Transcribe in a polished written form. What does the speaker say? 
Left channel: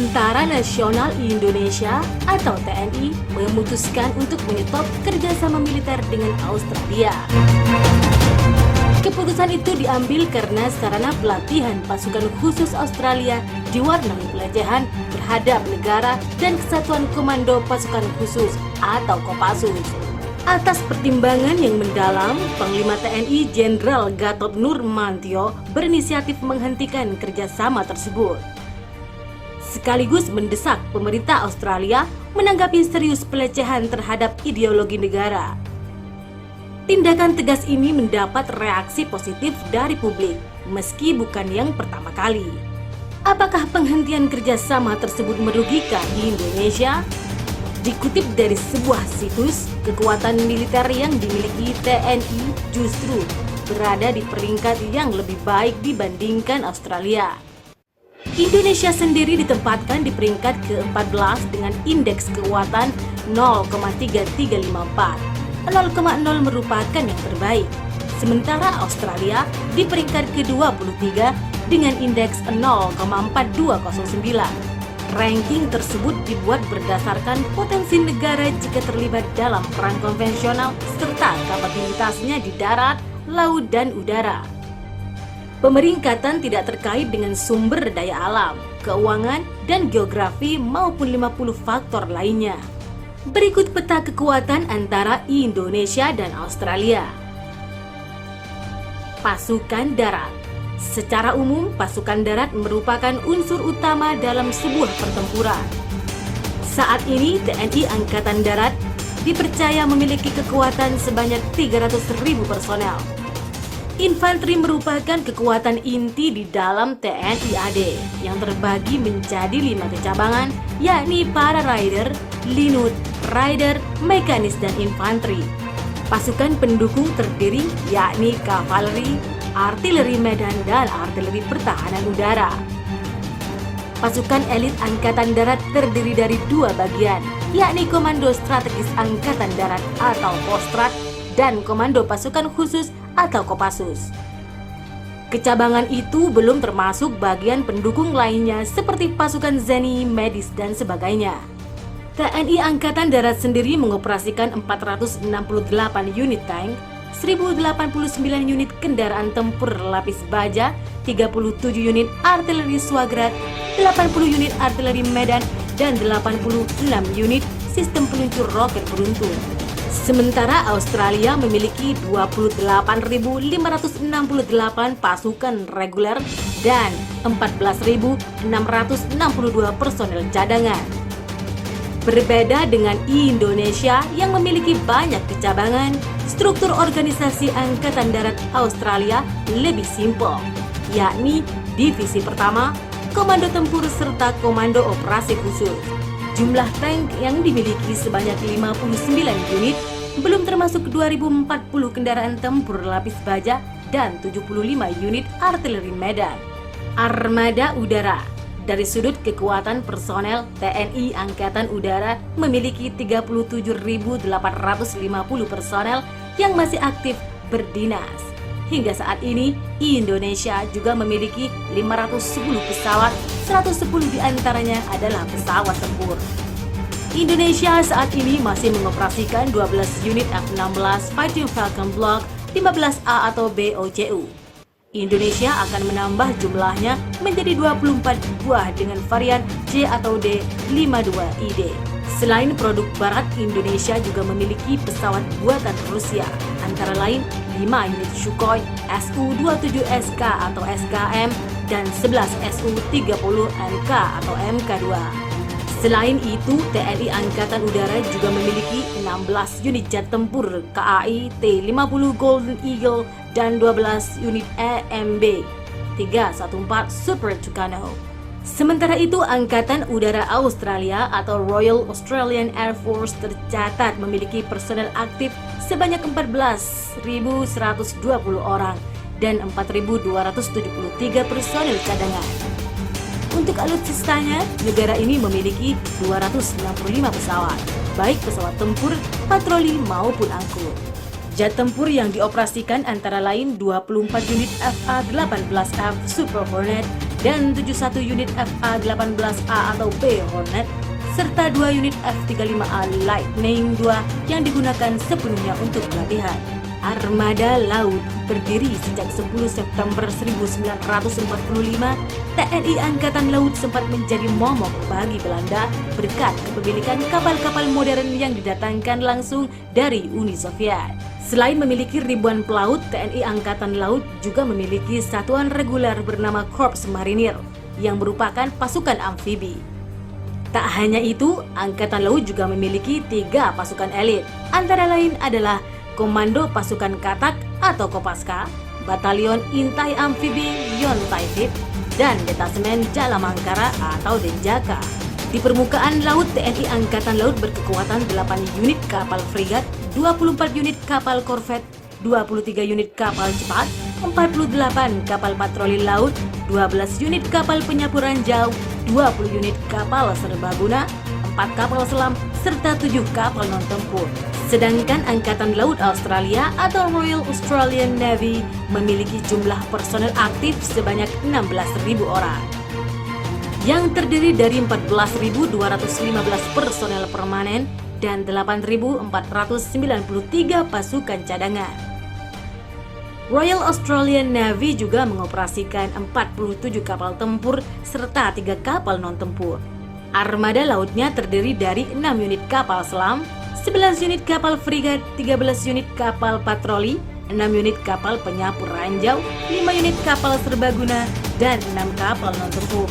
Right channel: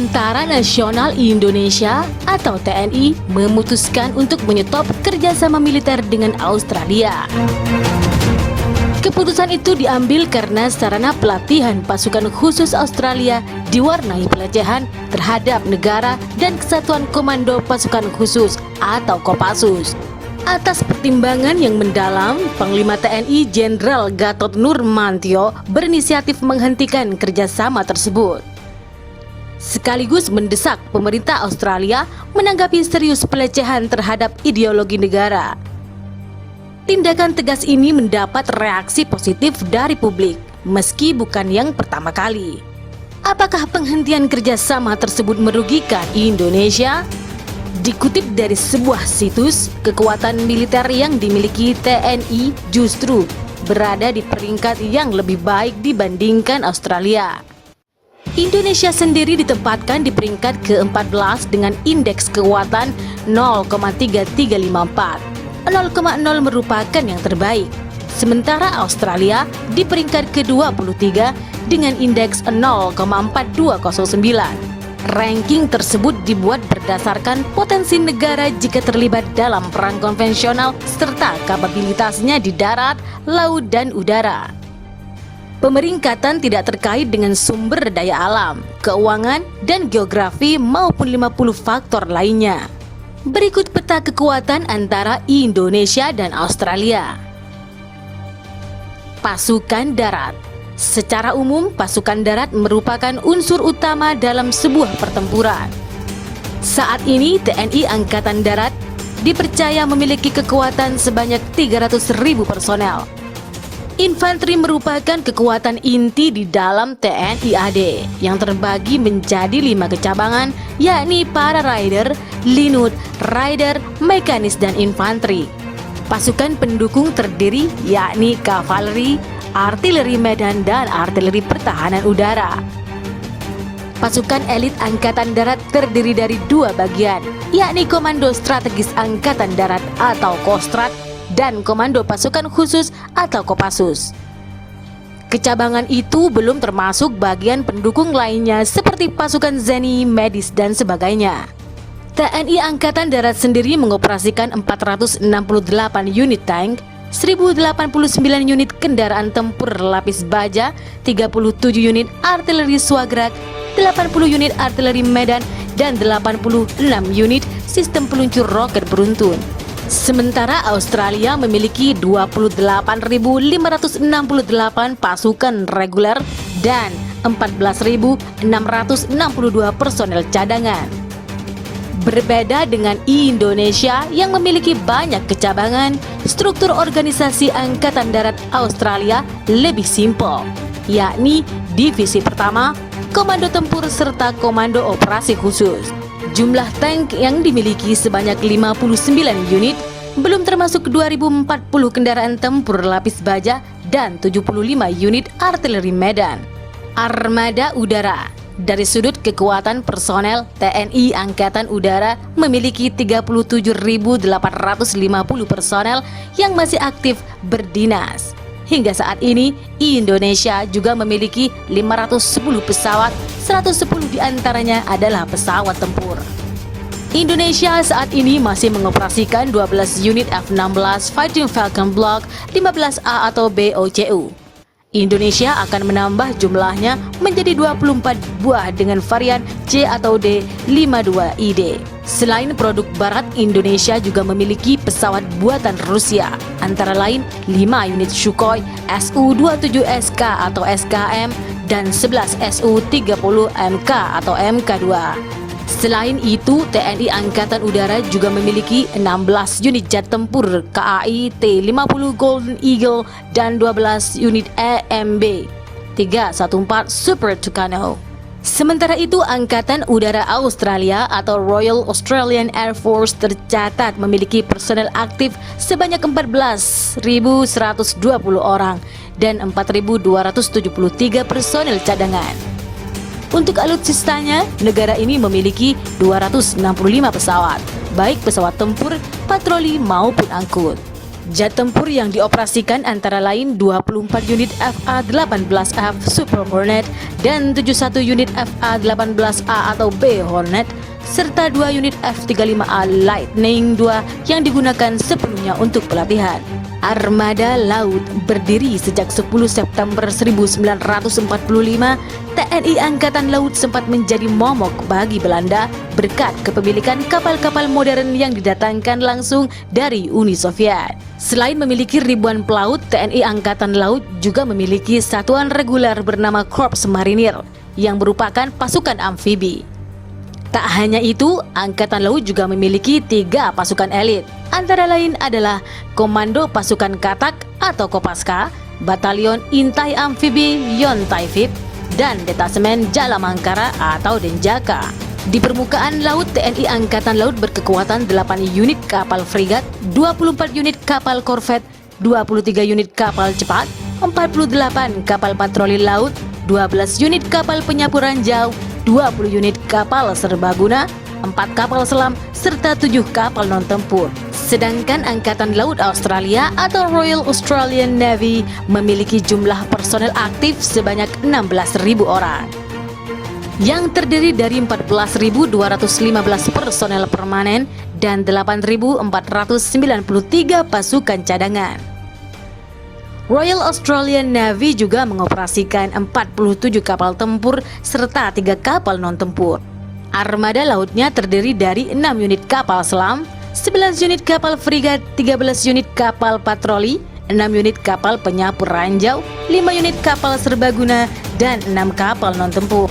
Tentara Nasional Indonesia atau TNI memutuskan untuk menyetop kerjasama militer dengan Australia. Keputusan itu diambil karena sarana pelatihan pasukan khusus Australia diwarnai pelecehan terhadap negara dan kesatuan komando pasukan khusus atau Kopassus. Atas pertimbangan yang mendalam, Panglima TNI Jenderal Gatot Nurmantio berinisiatif menghentikan kerjasama tersebut. Sekaligus mendesak pemerintah Australia menanggapi serius pelecehan terhadap ideologi negara. Tindakan tegas ini mendapat reaksi positif dari publik, meski bukan yang pertama kali. Apakah penghentian kerjasama tersebut merugikan Indonesia? Dikutip dari sebuah situs, kekuatan militer yang dimiliki TNI justru berada di peringkat yang lebih baik dibandingkan Australia. Indonesia sendiri ditempatkan di peringkat ke-14 dengan indeks kekuatan 0,3354. 0,0 merupakan yang terbaik. Sementara Australia di peringkat ke-23 dengan indeks 0,4209. Ranking tersebut dibuat berdasarkan potensi negara jika terlibat dalam perang konvensional serta kapabilitasnya di darat, laut, dan udara. Pemeringkatan tidak terkait dengan sumber daya alam, keuangan, dan geografi maupun 50 faktor lainnya. Berikut peta kekuatan antara Indonesia dan Australia. Pasukan darat. Secara umum, pasukan darat merupakan unsur utama dalam sebuah pertempuran. Saat ini, TNI Angkatan Darat dipercaya memiliki kekuatan sebanyak 300.000 personel. Infanteri merupakan kekuatan inti di dalam TNI AD yang terbagi menjadi 5 kecabangan, yakni para rider, linut, rider, mekanis, dan infanteri. Pasukan pendukung terdiri yakni kavaleri, artileri medan, dan artileri pertahanan udara. Pasukan elit Angkatan Darat terdiri dari 2 bagian, yakni Komando Strategis Angkatan Darat atau Kostrad dan Komando Pasukan Khusus atau Kopassus. Kecabangan itu belum termasuk bagian pendukung lainnya seperti pasukan ZENI, medis, dan sebagainya. TNI Angkatan Darat sendiri mengoperasikan 468 unit tank, 1089 unit kendaraan tempur lapis baja, 37 unit artileri Swagrat, 80 unit artileri Medan, dan 86 unit sistem peluncur roket beruntun. Sementara Australia memiliki 28.568 pasukan reguler dan 14.662 personel cadangan. Berbeda dengan Indonesia yang memiliki banyak kecabangan, struktur organisasi Angkatan Darat Australia lebih simpel, yakni Divisi Pertama, Komando Tempur, serta Komando Operasi Khusus. Jumlah tank yang dimiliki sebanyak 59 unit, belum termasuk 2040 kendaraan tempur lapis baja dan 75 unit artileri Medan. Armada Udara. Dari sudut kekuatan personel, TNI Angkatan Udara memiliki 37.850 personel yang masih aktif berdinas. Hingga saat ini, Indonesia juga memiliki 510 pesawat, 110 diantaranya adalah pesawat tempur. Indonesia saat ini masih mengoperasikan 12 unit F-16 Fighting Falcon Block 15A atau BOCU. Indonesia akan menambah jumlahnya menjadi 24 buah dengan varian C atau D-52ID. Selain produk barat, Indonesia juga memiliki pesawat buatan Rusia, antara lain 5 unit Sukhoi Su-27SK atau SKM dan 11 Su-30MK atau MK2. Selain itu, TNI Angkatan Udara juga memiliki 16 unit jet tempur KAI T-50 Golden Eagle dan 12 unit EMB 314 Super Tucano. Sementara itu, Angkatan Udara Australia atau Royal Australian Air Force tercatat memiliki personel aktif sebanyak 14.120 orang dan 4.273 personel cadangan. Untuk alutsistanya, negara ini memiliki 265 pesawat, baik pesawat tempur, patroli maupun angkut. Jet tempur yang dioperasikan antara lain 24 unit FA-18F Super Hornet dan 71 unit FA-18A atau B Hornet, serta 2 unit F-35A Lightning II yang digunakan sepenuhnya untuk pelatihan. Armada Laut berdiri sejak 10 September 1945, TNI Angkatan Laut sempat menjadi momok bagi Belanda berkat kepemilikan kapal-kapal modern yang didatangkan langsung dari Uni Soviet. Selain memiliki ribuan pelaut, TNI Angkatan Laut juga memiliki satuan reguler bernama Korps Marinir yang merupakan pasukan amfibi. Tak hanya itu, Angkatan Laut juga memiliki 3 pasukan elit. Antara lain adalah Komando Pasukan Katak atau Kopaska, Batalion Intai Amfibi Yontaifit, dan Detasemen Jalamangkara atau Denjaka. Di permukaan laut, TNI Angkatan Laut berkekuatan 8 unit kapal frigat, 24 unit kapal korvet, 23 unit kapal cepat, 48 kapal patroli laut, 12 unit kapal penyapu ranjau, 20 unit kapal serbaguna, 4 kapal selam, serta 7 kapal non-tempur. Sedangkan Angkatan Laut Australia atau Royal Australian Navy memiliki jumlah personel aktif sebanyak 16.000 orang, yang terdiri dari 14.215 personel permanen dan 8.493 pasukan cadangan. Royal Australian Navy juga mengoperasikan 47 kapal tempur serta 3 kapal non-tempur. Armada lautnya terdiri dari 6 unit kapal selam, 11 unit kapal frigat, 13 unit kapal patroli, 6 unit kapal penyapu ranjau, 5 unit kapal serbaguna, dan 6 kapal non-tempur.